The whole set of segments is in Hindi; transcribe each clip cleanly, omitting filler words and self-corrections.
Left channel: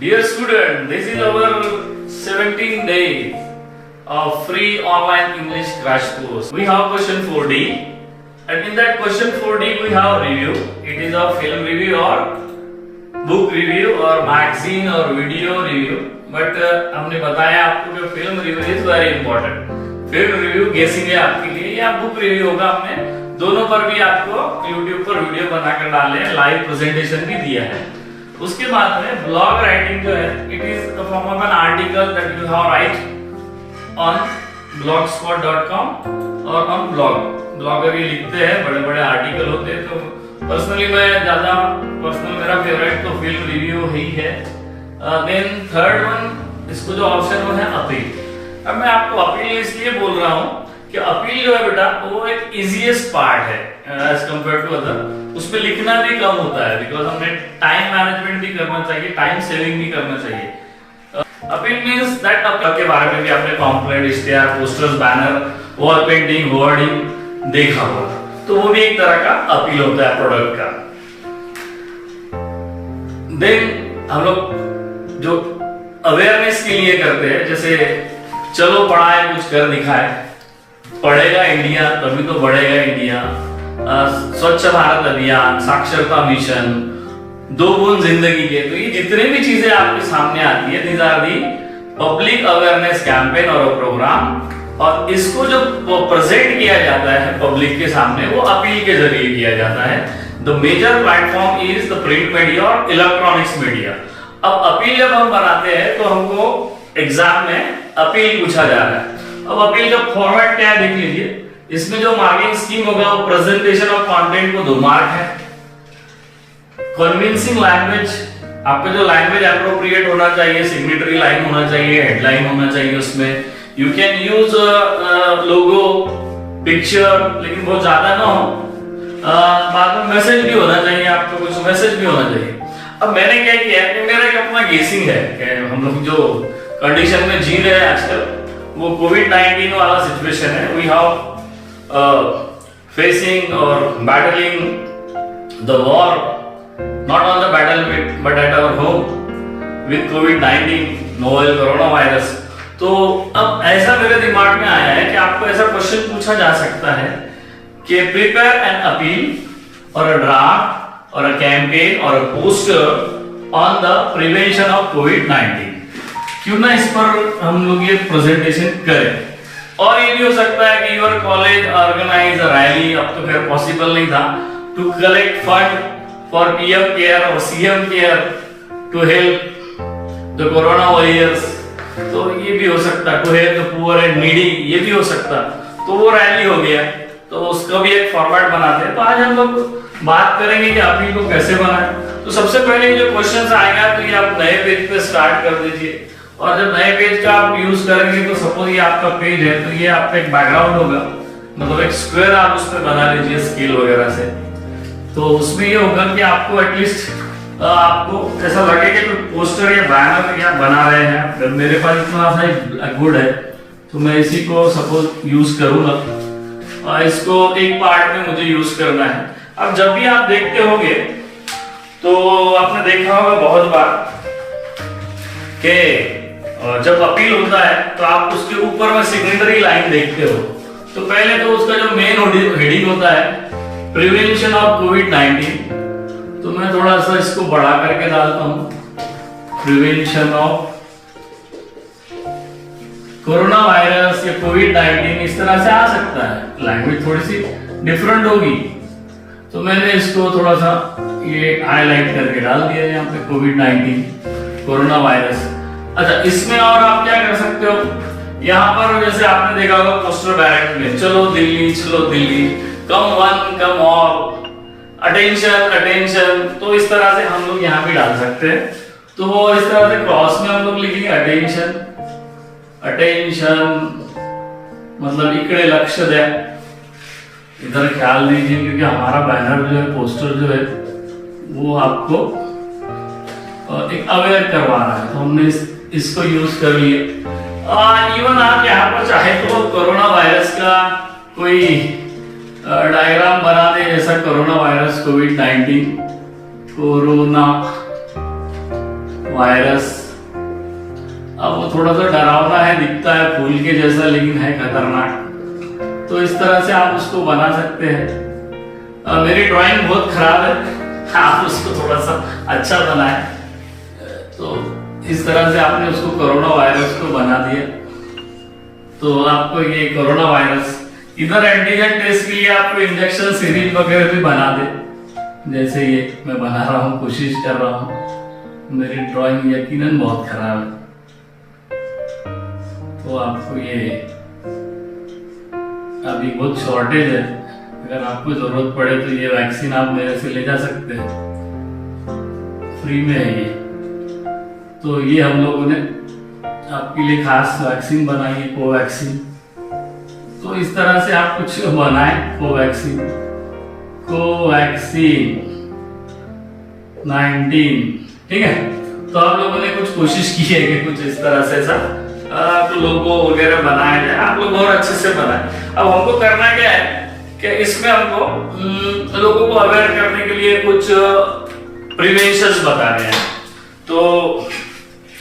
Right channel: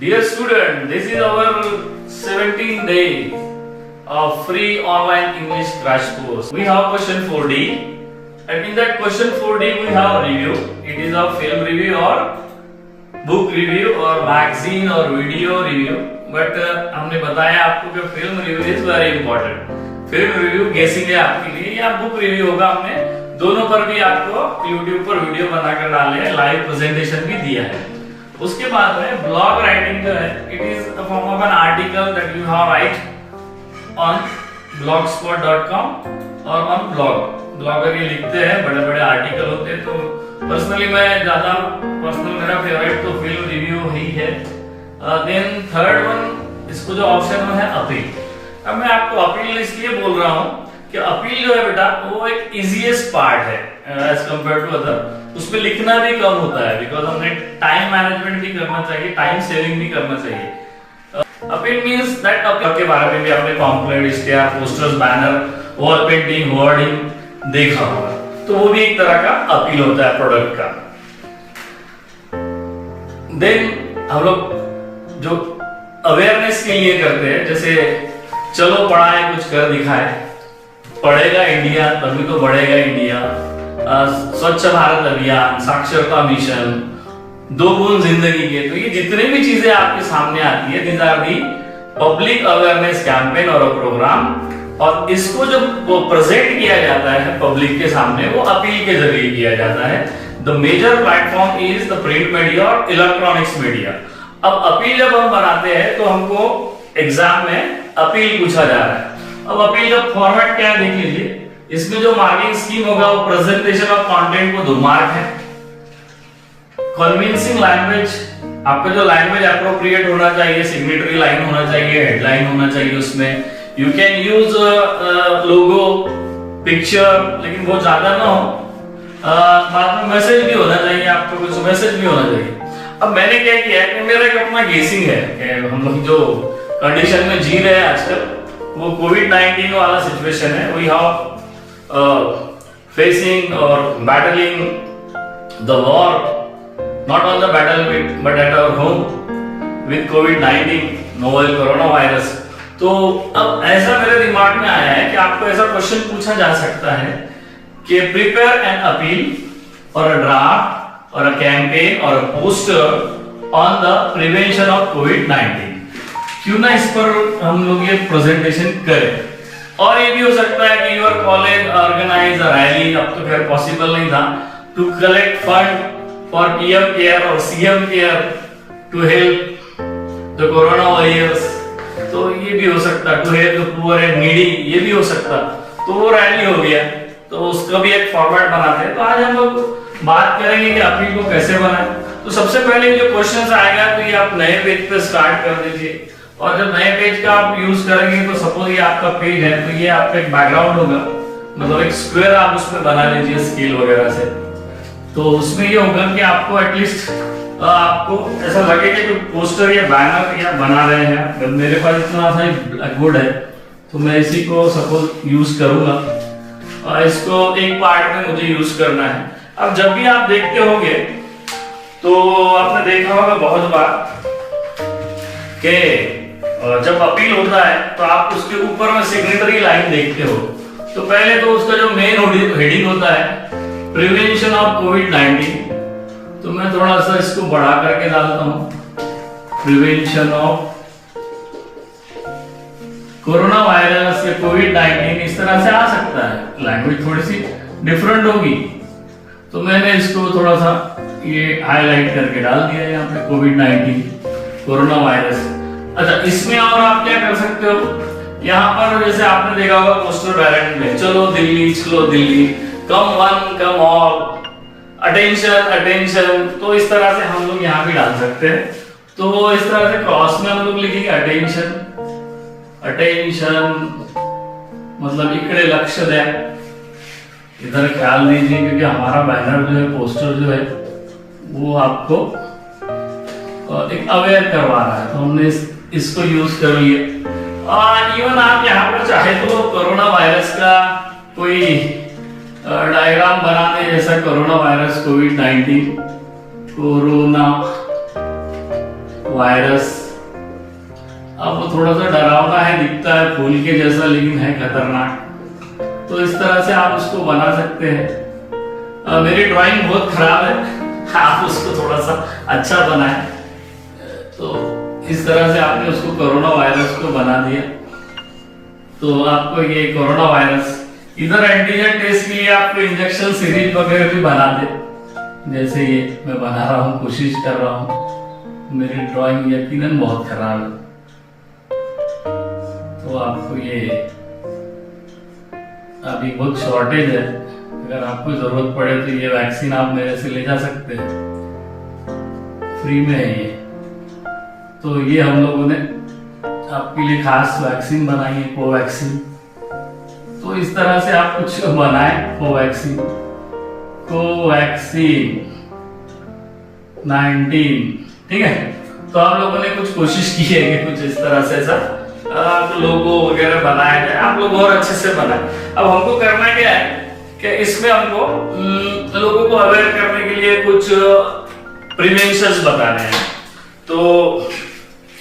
Dear student, this is our 17th day of free online English crash course. We have question 4D, and in that question 4D we have review. It is a film review or book review or magazine or video review. But हमने बताया आपको कि film review is very important. Film review गेसिंग है आपके लिए या बुक रिव्यू होगा. हमने दोनों पर भी आपको YouTube पर वीडियो बनाकर डाले हैं, लाइव प्रेजेंटेशन भी दिया है. उसके बाद में ब्लॉग राइटिंग जो है, it is the form of an article that you have right on blogspot.com और ऑन ब्लॉग. ब्लॉगर ये लिखते हैं, बड़े बड़े आर्टिकल होते हैं. तो पर्सनली मैं ज्यादा मेरा फेवरेट तो फिल्म रिव्यू ही है. देन थर्ड वन, इसको जो ऑप्शन वो है अपील. अब मैं आपको अपील इसलिए बोल रहा हूँ कि अपील जो है बेटा वो एक इजीएस्ट पार्ट है एज कंपेयर टू अदर. उसमें लिखना भी कम होता है बिकॉज हमने टाइम मैनेजमेंट भी करना चाहिए, टाइम सेविंग भी करना चाहिए. अपील मींस दैट अपील के बारे में भी आपने पॉम्पलेट, इश्तिहार, posters, banner, wall painting, hoarding देखा होगा. तो वो भी एक तरह का अपील होता है प्रोडक्ट का. देन हम लोग जो अवेयरनेस के लिए करते हैं, जैसे चलो पढ़ाए कुछ कर दिखाए, पढ़ेगा इंडिया तभी तो बढ़ेगा इंडिया, स्वच्छ भारत अभियान, साक्षरता मिशन, 2 गुण जिंदगी के. तो ये जितने भी चीजें आपके सामने आती है, these are the public awareness campaign और प्रोग्राम. और इसको जो प्रेजेंट किया जाता है पब्लिक के सामने, वो अपील के जरिए किया जाता है. The major platform is the print media और इलेक्ट्रॉनिक्स मीडिया. अब अपील जब हम बनाते हैं तो हमको एग्जाम में अपील पूछा जा रहा है. अब अपील का फॉर्मेट क्या है देख लीजिए. इसमें जो मार्किंग स्कीम होगा वो प्रेजेंटेशन ऑफ कंटेंट को 2 मार्क है. कन्विंसिंग लैंग्वेज, आपका जो लैंग्वेज एप्रोप्रिएट होना चाहिए, सिग्नेटरी लाइन होना चाहिए, हेडलाइन होना चाहिए. उसमें you can use logo, picture, लेकिन बहुत ज्यादा ना हो. बाद में मैसेज भी होना चाहिए, आपको कुछ मैसेज भी होना चाहिए. अब मैंने क्या किया है कि मेरा एक अपना गेसिंग है कि हम लोग जो कंडीशन में जी रहे हैं आजकल, वो कोविड-19 वाला सिचुएशन है. वी हैव फेसिंग और battling the war not on the battlefield but at our home with कोविड-19 नोवेल कोरोना वायरस. तो अब ऐसा मेरे दिमाग में आया है कि आपको ऐसा क्वेश्चन पूछा जा सकता है कि प्रिपेयर एन अपील और a draft or a campaign or a poster on the prevention of COVID-19. क्यों ना इस पर हम लोग ये प्रेजेंटेशन करें. और ये भी हो सकता है कि your college organize a rally. अब तो खैर पॉसिबल नहीं था to collect fund for PM care और CM care to help the corona warriors. तो ये भी हो सकता, to help the poor and needy, ये भी हो सकता. तो वो रैली हो गया, तो उसका भी एक फॉर्मेट बनाते हैं. तो आज हम लोग बात करेंगे कि अपील को कैसे बनाएं. तो सबसे पहले जो क्वेश्चंस आएगा तो ये आप नए पेज पे स्टार्ट कर दीजिए. और जब नए पेज का आप यूज करेंगे तो सपोज ये आपका पेज है, तो ये आपका एक बैकग्राउंड होगा, मतलब एक स्क्वायर आप उस पर बना लीजिए स्केल वगैरह से. तो उसमें ये होगा कि आपको एटलीस्ट आपको ऐसा लगे कि कोई पोस्टर या बैनर या बना रहे हैं. जब मेरे पास इतना सा गुड है तो मैं इसी को सपोज यूज करूंगा और इसको एक पार्ट में मुझे यूज करना है. अब जब भी आप देखते होंगे तो आपने देखा होगा बहुत बार कि जब अपील होता है तो आप उसके ऊपर में सिग्नेटरी लाइन देखते हो. तो पहले तो उसका जो मेन हेडिंग होता है प्रिवेंशन ऑफ कोविड-19. तो मैं थोड़ा सा इसको बढ़ा करके डालता हूं, प्रिवेंशन ऑफ कोरोना वायरस या कोविड-19. इस तरह से आ सकता है, लैंग्वेज थोड़ी सी डिफरेंट होगी. तो मैंने इसको थोड़ा सा ये हाईलाइट करके डाल दिया यहाँ पे, कोविड-19 कोरोना वायरस. अच्छा, इसमें और आप क्या कर सकते हो, यहाँ पर जैसे आपने देखा होगा पोस्टर बैनर में, चलो दिल्ली, चलो Delhi, come one come all, attention attention. तो इस तरह से हम लोग यहाँ भी डाल सकते हैं. तो वो इस तरह से क्रॉस में हम लोग लिखेंगे अटेंशन अटेंशन, मतलब इकड़े लक्ष्य द्या, इधर ख्याल दीजिए, क्योंकि हमारा बैनर जो है, पोस्टर जो है, वो आपको एक अवेयर करवा रहा है. तो हमने इसको यूज कर लिए. इवन आप यहाँ पर चाहे तो कोरोना वायरस का कोई डायग्राम बना दे, जैसा कोरोना वायरस कोविड-19 कोरोना वायरस। अब वो थोड़ा सा डरावना है, दिखता है फूल के जैसा, लेकिन है खतरनाक। तो इस तरह से आप उसको बना सकते हैं। मेरी ड्राइंग बहुत खराब है, आप उसको थोड़ा सा अच्छा बनाएं। तो इस तरह से आपने उसको कोरोना वायरस को बना दिया। तो आपको ये कोरोना वायरस, इधर एंटीजन टेस्ट के लिए आपको इंजेक्शन सीरीज वगैरह भी बना दे, जैसे ये मैं बना रहा हूँ, कोशिश कर रहा हूँ। मेरी ड्राइंग यकीनन बहुत खराब है, तो आपको ये अभी बहुत शॉर्टेज है। अगर आपको जरूरत पड़े तो ये वैक्सीन आप मेरे से ले जा सकते हैं, फ्री में है ये। तो ये हम लोगों ने आपके लिए खास वैक्सीन बनाई है, कोवैक्सीन। तो इस तरह से आप कुछ बनाएं, कोवैक्सीन 19, ठीक है। तो आप लोगों ने कुछ कोशिश की है कि कुछ इस तरह से ऐसा लोगो वगैरह बनाया जाए, आप लोग और अच्छे से बनाए। अब हमको करना क्या है कि इसमें हमको लोगों को अवेयर करने के लिए कुछ प्रिवेंशंस बताने हैं। तो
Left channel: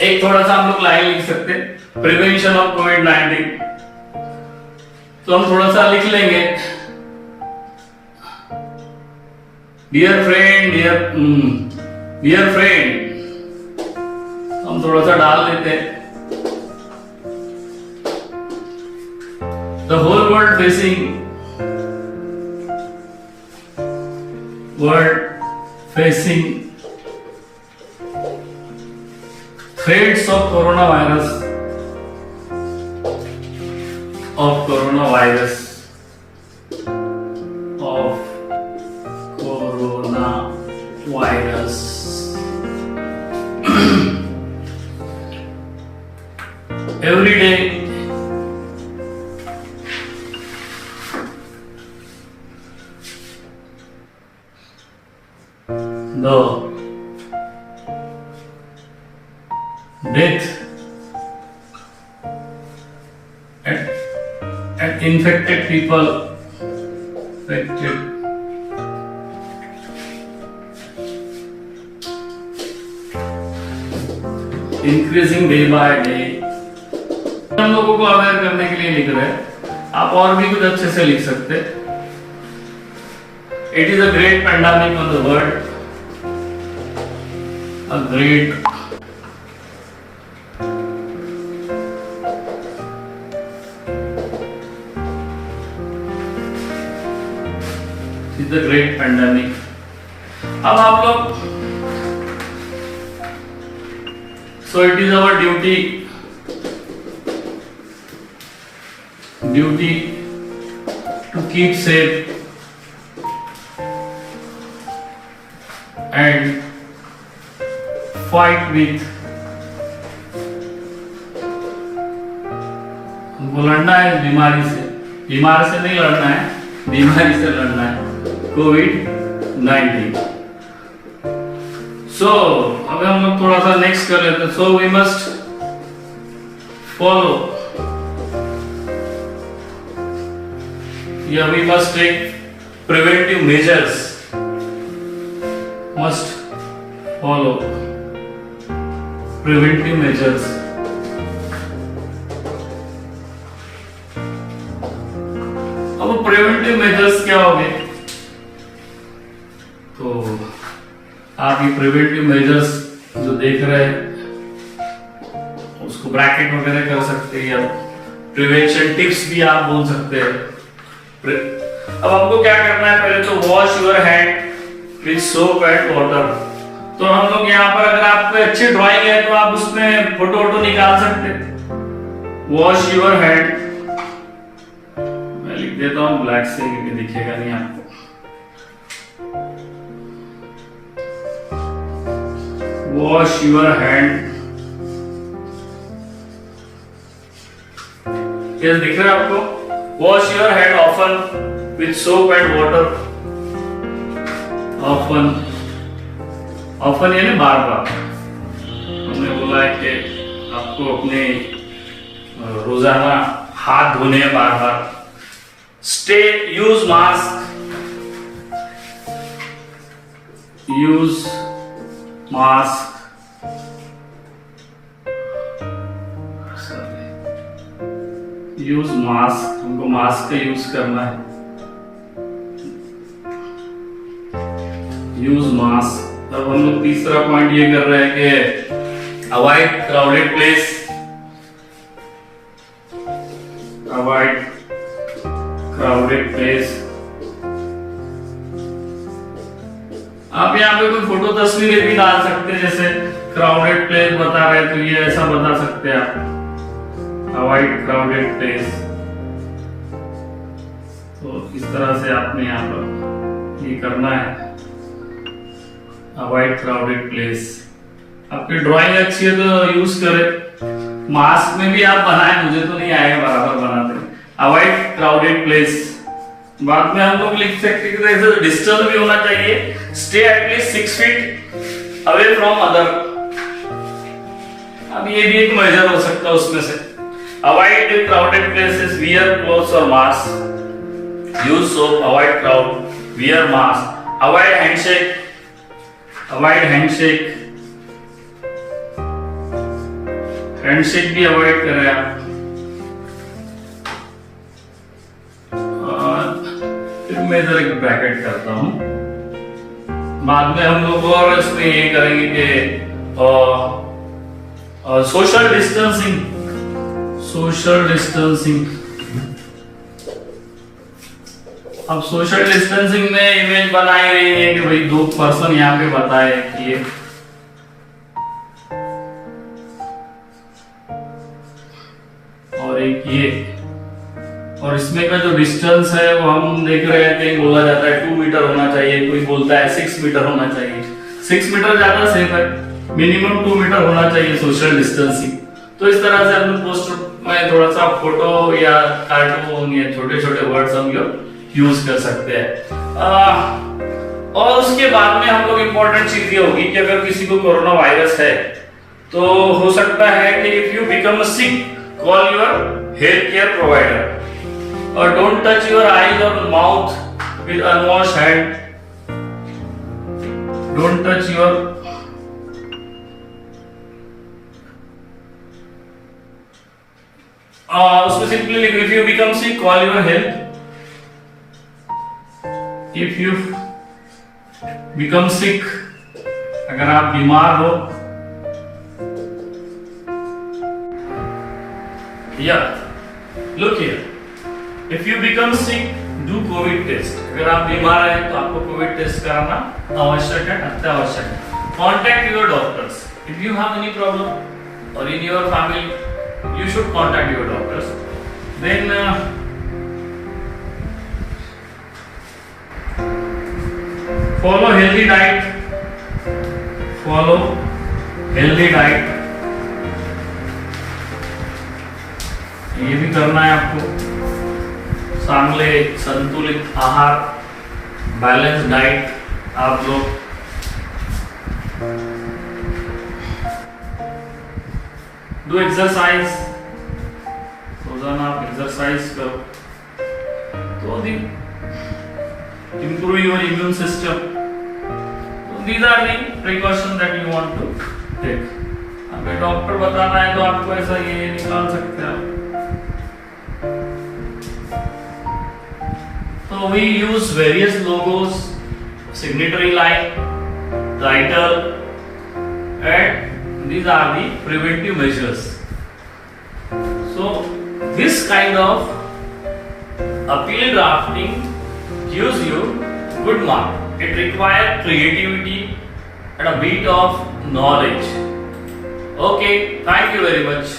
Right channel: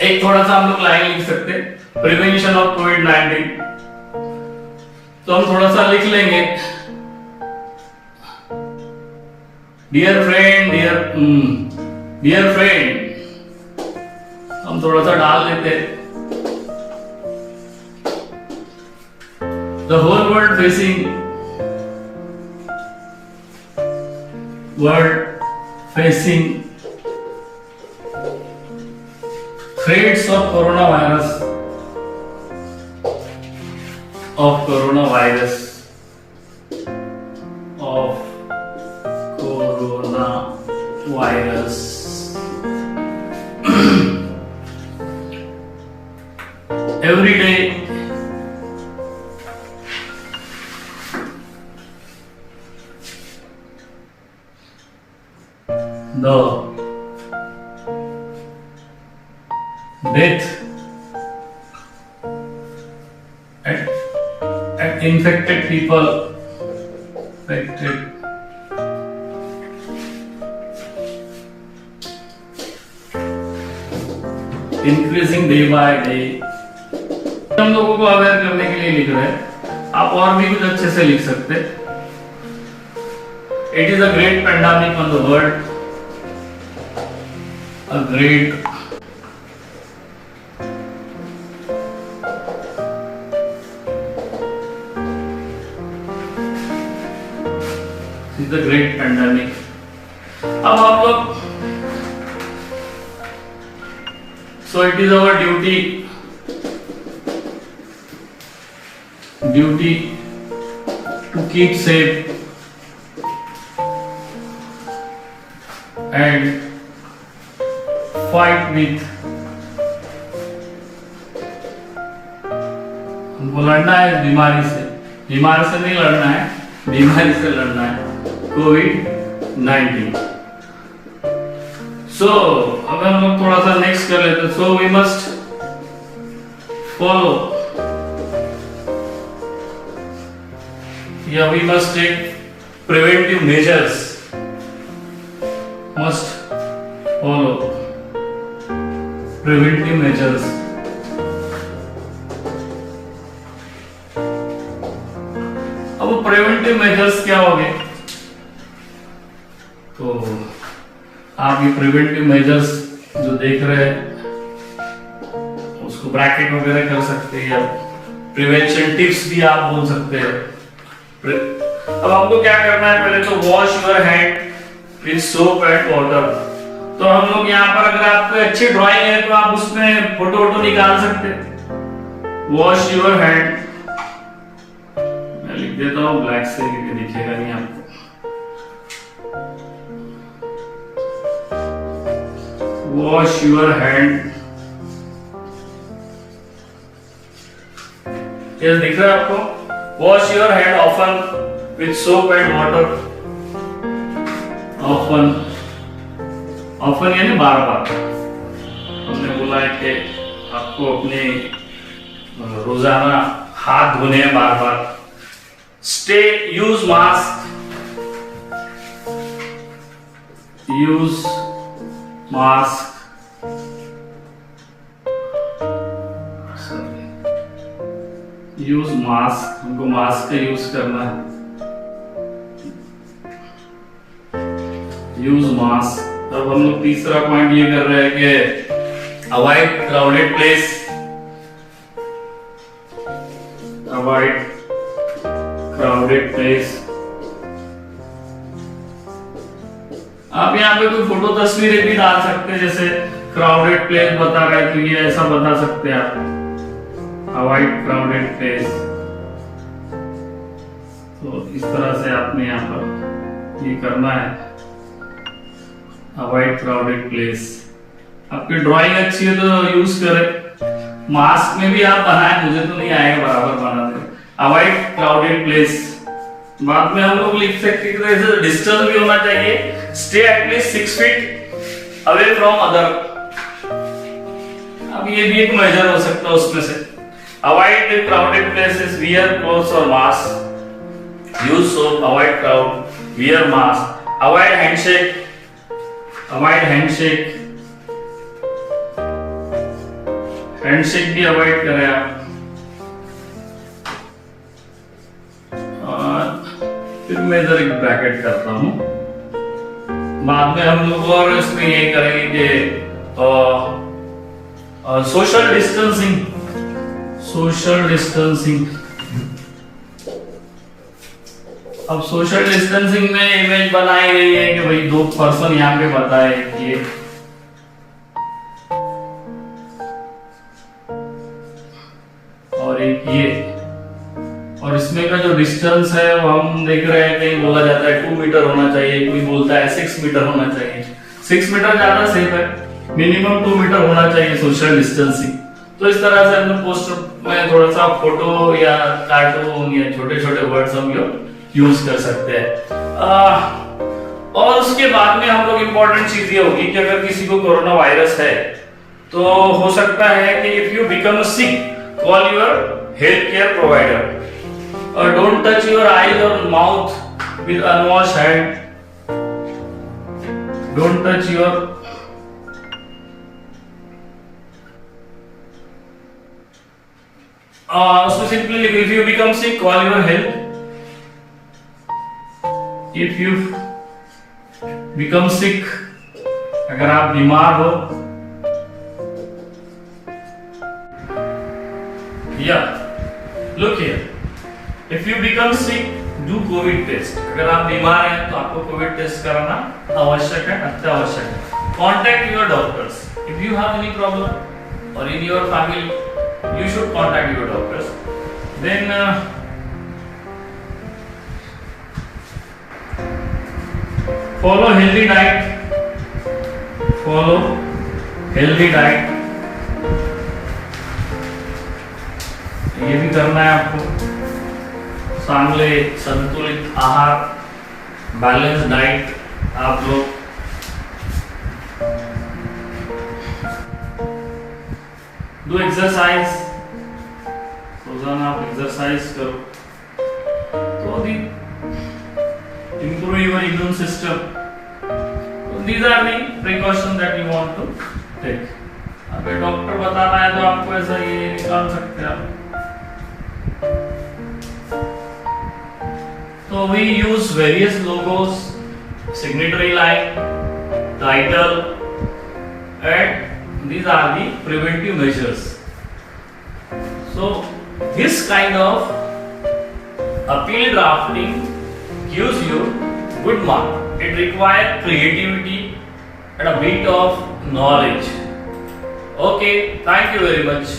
एक थोड़ा सा हम लोग लाइन लिख सकते हैं, प्रिवेंशन ऑफ कोविड-19। तो हम थोड़ा सा लिख लेंगे, डियर फ्रेंड, डियर फ्रेंड, हम थोड़ा सा डाल देते हैं। The whole world facing threats of coronavirus, every day the death and infected people increasing day by day। हम लोगों को अवेयर करने के लिए लिख रहे हैं, आप और भी कुछ अच्छे से लिख सकते हैं। It is a great pandemic on the world, a great is a great pandemic। अब आप लोग, so it is our duty to keep safe and fight with, हमको लड़ना है इस बीमारी से। बीमारी से नहीं लड़ना है, बीमारी से लड़ना है, कोविड-19। सो अब हम लोग थोड़ा सा नेक्स्ट कर लेते हैं। सो वी मस्ट फॉलो, या we must take preventive measures, must follow preventive measures। अब प्रिवेंटिव मेजर्स क्या होंगे? तो आप ये प्रिवेंटिव मेजर्स जो देख रहे हैं उसको ब्रैकेट वगैरह कर सकते हैं, या प्रिवेंशन टिप्स भी आप बोल सकते हैं। अब आपको क्या करना है, पहले तो wash your hand with soap and water. तो हम लोग यहाँ पर, अगर आपको अच्छी ड्राइंग है तो आप उसमें फोटो निकाल सकते हैं। वॉश योर हैंड, मैं लिख देता हूँ ब्लैक से क्योंकि दिखेगा नहीं आपको। वॉश योर हैंड, ये दिख रहा है आपको? Wash your hand often with soap and water. Often यानी बार बार। हमने बोला है कि आपको अपने रोजाना हाथ धोने हैं बार बार। Stay, use mask, use mask, हमको मास्क का यूज करना है। Use mask. अब हम लोग तीसरा पॉइंट ये कर रहे हैं कि avoid crowded place, avoid crowded place. आप यहाँ पे कोई फोटो तस्वीरें भी डाल सकते हैं, जैसे क्राउडेड प्लेस बता रहे तो ये ऐसा बता सकते हैं आप, अवॉइड क्राउडेड प्लेस। तो इस तरह से आपने यहाँ पर ये करना है, अवॉइड क्राउडेड प्लेस। आपकी ड्राइंग अच्छी है तो यूज करें। मास्क में भी आप बनाए, मुझे तो नहीं आएगा बराबर बनाते। Avoid crowded place. बाद में हम लोग लिख सकते हैं डिस्टेंस भी होना चाहिए, stay at least 6 feet away from other. अब ये भी एक मेजर हो सकता है उसमें से। Avoid crowded places, wear clothes और mask, use soap, avoid crowd, wear mask, avoid handshake, avoid handshake, handshake भी अवॉइड करें आप। फिर मैं इधर एक ब्रैकेट करता हूं, बाद में हम लोग और इसमें ये करेंगे कि सोशल डिस्टेंसिंग, सोशल डिस्टेंसिंग। अब सोशल डिस्टेंसिंग में इमेज बनाई गई है कि भाई 2 पर्सन यहाँ पे बताए कि ये और एक ये, और इसमें का जो डिस्टेंस है वो हम देख रहे हैं, कहीं बोला जाता है 2 मीटर होना चाहिए, कोई बोलता है 6 मीटर होना चाहिए। 6 मीटर ज्यादा सेफ है, मिनिमम 2 मीटर होना चाहिए सोशल डिस्टेंसिंग। तो इस तरह से हम पोस्टर में थोड़ा सा फोटो या कार्टून या छोटे छोटे वर्ड्स हम यूज कर सकते हैं। और उसके बाद में हम लोग इम्पोर्टेंट चीज ये होगी कि अगर किसी को कोरोना वायरस है तो हो सकता है कि if you become sick, call your health care provider, or don't touch your eyes or mouth with unwashed hand. Don't touch your उसमें सिंपली लिखो, if you become sick, call your health. If you become sick, अगर आप बीमार हो, look here. If you become sick, do COVID test. अगर आप बीमार हैं तो आपको कोविड टेस्ट कराना आवश्यक है, अत्यावश्यक है। Contact your doctors. If you have any problem or in your family, you should contact your doctors. Then follow healthy diet. Follow healthy diet. ये भी करना है आपको। चांगले संतुलित आहार, बैलेंस डाइट आप लोग डू एक्सरसाइज, रोजाना आप एक्सरसाइज करो तो improve your immune system. So these are the precautions that you want to take. अगर डॉक्टर बताना है तो आपको ऐसा ये निकाल सकते हैं आप। So we use various logos, signatory line, title, and these are the preventive measures. So this kind of appeal drafting gives you good mark. It requires creativity and a bit of knowledge. Okay, thank you very much.